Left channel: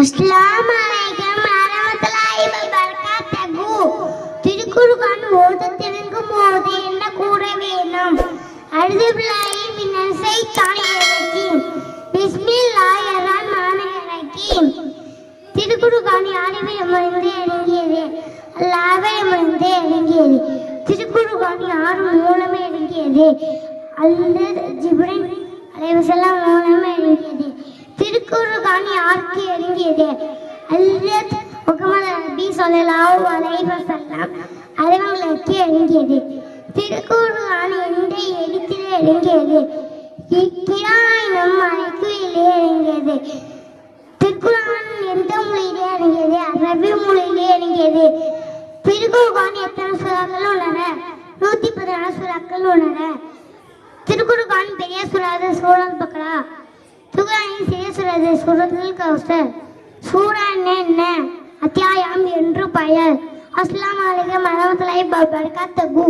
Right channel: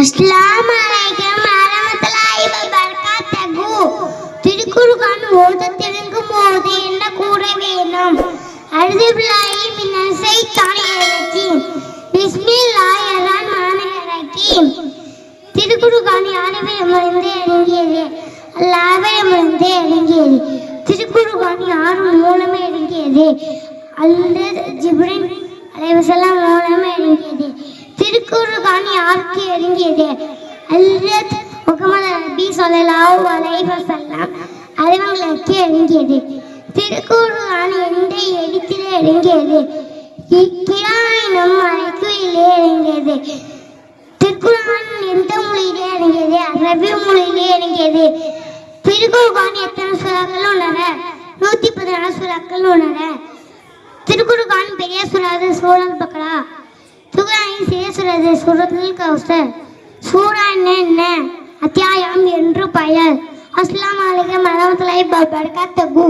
அஸ்ஸலாமு வரஹ்மத்துல்லாஹி வபரகாத்துஹு. திருக்குர்ஆன் ஓத தெரியும் போது என்ன கூற வேணும்? அல்ஹம்துலில்லாஹி மினஷ் ஷைத்தானிர் ரஜீம். பிஸ்மில்லாஹிர் ரஹ்மானிர் ரஹீம். திருக்குர்ஆன் யாரிடமிருந்து இறங்கியது? அல்லாஹ்விடமிருந்து இறங்கியது. திருக்குர்ஆன் யார் மூலமே இறங்கியது? ஹஜ்ரத் ஜிப்ரீல் அலைஹிஸ்ஸலாம் மூலமே இறங்கியது. திருக்குர்ஆன் யாருக்கு இறங்கியது? ஹஜ்ரத் முஹம்மது நபி ஸல்லல்லாஹு அலைஹி வஸல்லம் அவர்களுக்கு இறங்கியது. திருக்குர்ஆன் எந்த எழுத்தில் இறங்கியது? இக்ரா எனும் அழைப்பிலே இறங்கியது. திருக்குர்ஆன் எந்த மொழியிலே இறங்கியது? அரபி மொழியிலே இறங்கியது. திருக்குர்ஆன் எத்தனை சூறாக்கள் உள்ளன? 114 சூறாக்கள் உள்ளன. திருக்குர்ஆன் பெரிய சூரா சூரத்துல் பக்ரா. திருக்குர்ஆனின் சிறிய சூரா சூரத்துல் கௌசர். சூரா என்ன? அத்தியாயம் என்று பெயர். அஸ்ஸலாமு அலைக்கும் வரஹ்மத்துல்லாஹி வபரகாத்துஹு.